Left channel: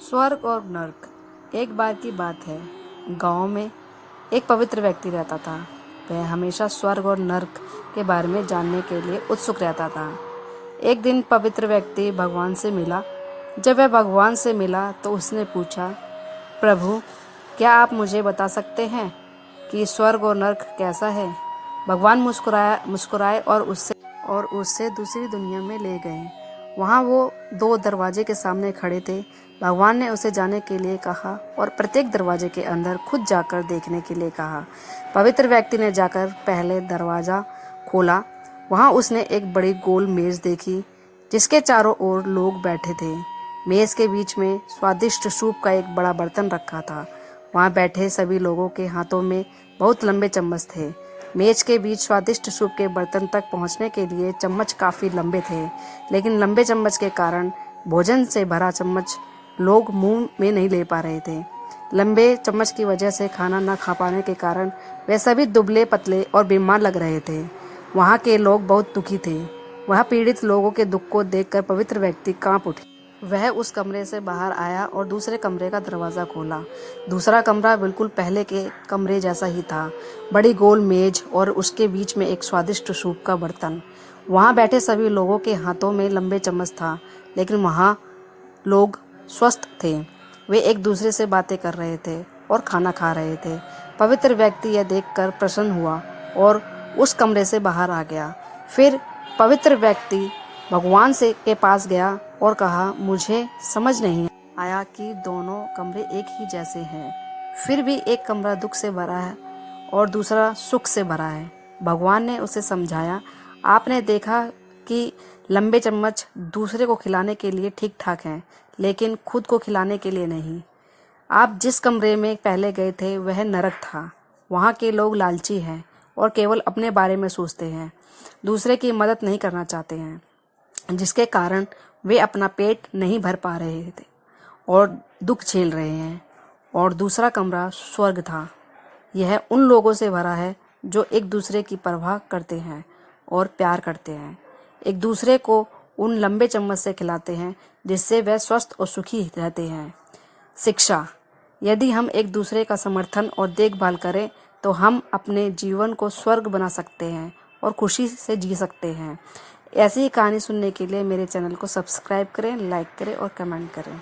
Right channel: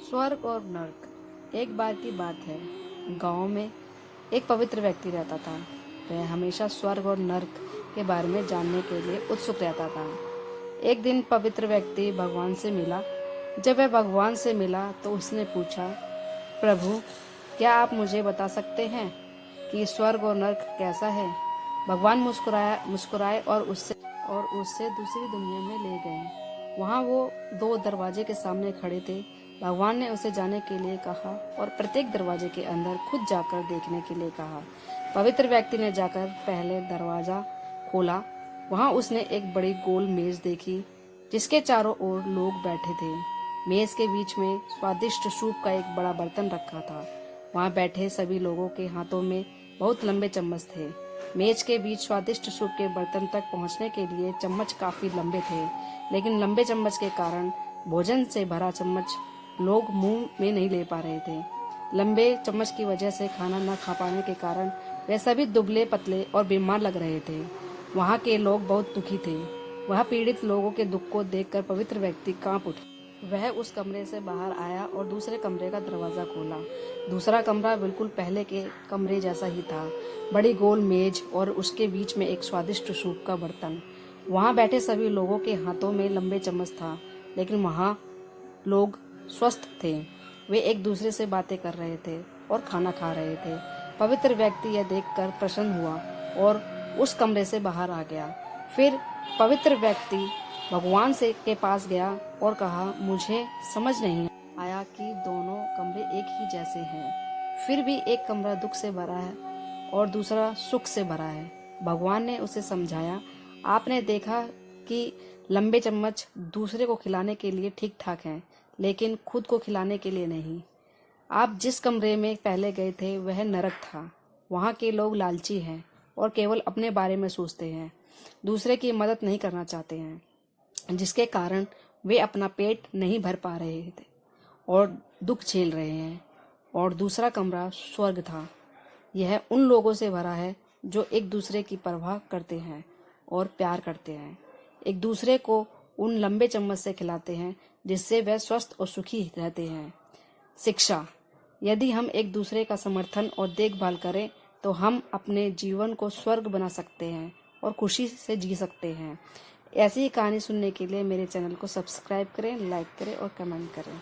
स्वर्ग और नर्क। एक बार की बात है, गांव में एक पवित्र व्यक्ति रहता था। वह हमेशा स्वर्ग और नर्क के बारे में जानने के लिए उत्सुक रहता था। एक दिन पवित्र व्यक्ति भगवान से मिला। जब वह भगवान से मिला तो उसने पूछा, प्रभु, क्या आप मुझे बता सकते हैं कि स्वर्ग और नर्क कैसा है? भगवान मुस्कुराए और उससे दूसरी दुनिया में ले गए। वहाँ वो दो दरवाजे के सामने खड़े थे। भगवान ने उसे जाने के लिए कहा और प्रत्येक दरवाजे के अंदर खुद जाकर देखने के लिए कहा। पवित्र व्यक्ति ने जाकर पहले दरवाजा खोला। वहाँ उसने एक बड़ी गोल मेज देखी जिसके चारों ओर लोग बैठे थे। मेज के बीच में स्वादिष्ट सूप का एक बड़ा बर्तन रखा था। वहाँ बैठे सभी लोगों के हाथों में बहुत लंबे चम्मच थे। मेज के बीच स्वादिष्ट सूप के बर्तन तक पहुँचने के लिए चम्मच काफी लंबे थे, लेकिन लंबे चम्मच के कारण भोजन से भरा चम्मच लोग मुंह में नहीं ले पा रहे थे। लंबे चम्मच की वजह से खाना न खा पाने के कारण वे सभी दुबले पतले और बीमार लग रहे थे। वहाँ के लोग बहुत दुखी थे। वह पीड़ित लोगों के दुख को देखकर पवित्र व्यक्ति कांप उठे। वह उस कमरे से बाहर आया और दूसरे कमरे का दरवाजा खोला। दूसरा कमरा बिल्कुल पहले के कमरे जैसा ही था। बड़ी गोल मेज और उसके बीच में एक स्वादिष्ट सूप का बर्तन। वहाँ बैठे सभी लोगों के हाथों में लंबे चम्मच था, लेकिन वहाँ लोग स्वस्थ थे। वे एक दूसरे से बातें कर रहे थे और खाना खा रहे थे। पवित्र व्यक्ति यह देखकर प्रसन्न हुआ और उस कमरे से बाहर आ गया। फिर पवित्र व्यक्ति भगवान से के पास गया और कहा, मुझे समझ नहीं आया कि दोनों कमरे एक ही जैसे हैं। फिर भी एक कमरा दुख से भरा है और दूसरा सुख से भरा है। भगवान ने उसे समझाया, आपने देखा कि लंबे चम्मच दूसरे को खिलाने के लिए ठीक ठाक हैं, लेकिन खुद को खिलाने के लिए नहीं। आप जिस कमरे में पहले गए थे वह नरक था। वहाँ के लोग लालची हैं और केवल अपने बारे में सोचते हैं, दूसरे की मदद नहीं करना चाहते हैं, जिसके कारण वे अपना पेट नहीं भर पा रहे थे और दुख झेल रहे हैं। और दूसरा कमरा स्वर्ग था। यह उन लोगों से भरा है जो एक दूसरे की परवाह करते हैं और प्यार करते हैं, एक दूसरे को उन लंबे चम्मच से खिलाते हैं जिससे वह स्वस्थ और सुखी रहते हैं। शिक्षा। यदि हम एक दूसरे का समर्थन और देखभाल करें तो हम अपने जीवन को स्वर्ग बना सकते हैं और खुशी से जी सकते हैं। ऐसी ही कहानी सुनने के लिए मेरे चैनल को सब्सक्राइब करें, लाइक करें और कमेंट करें।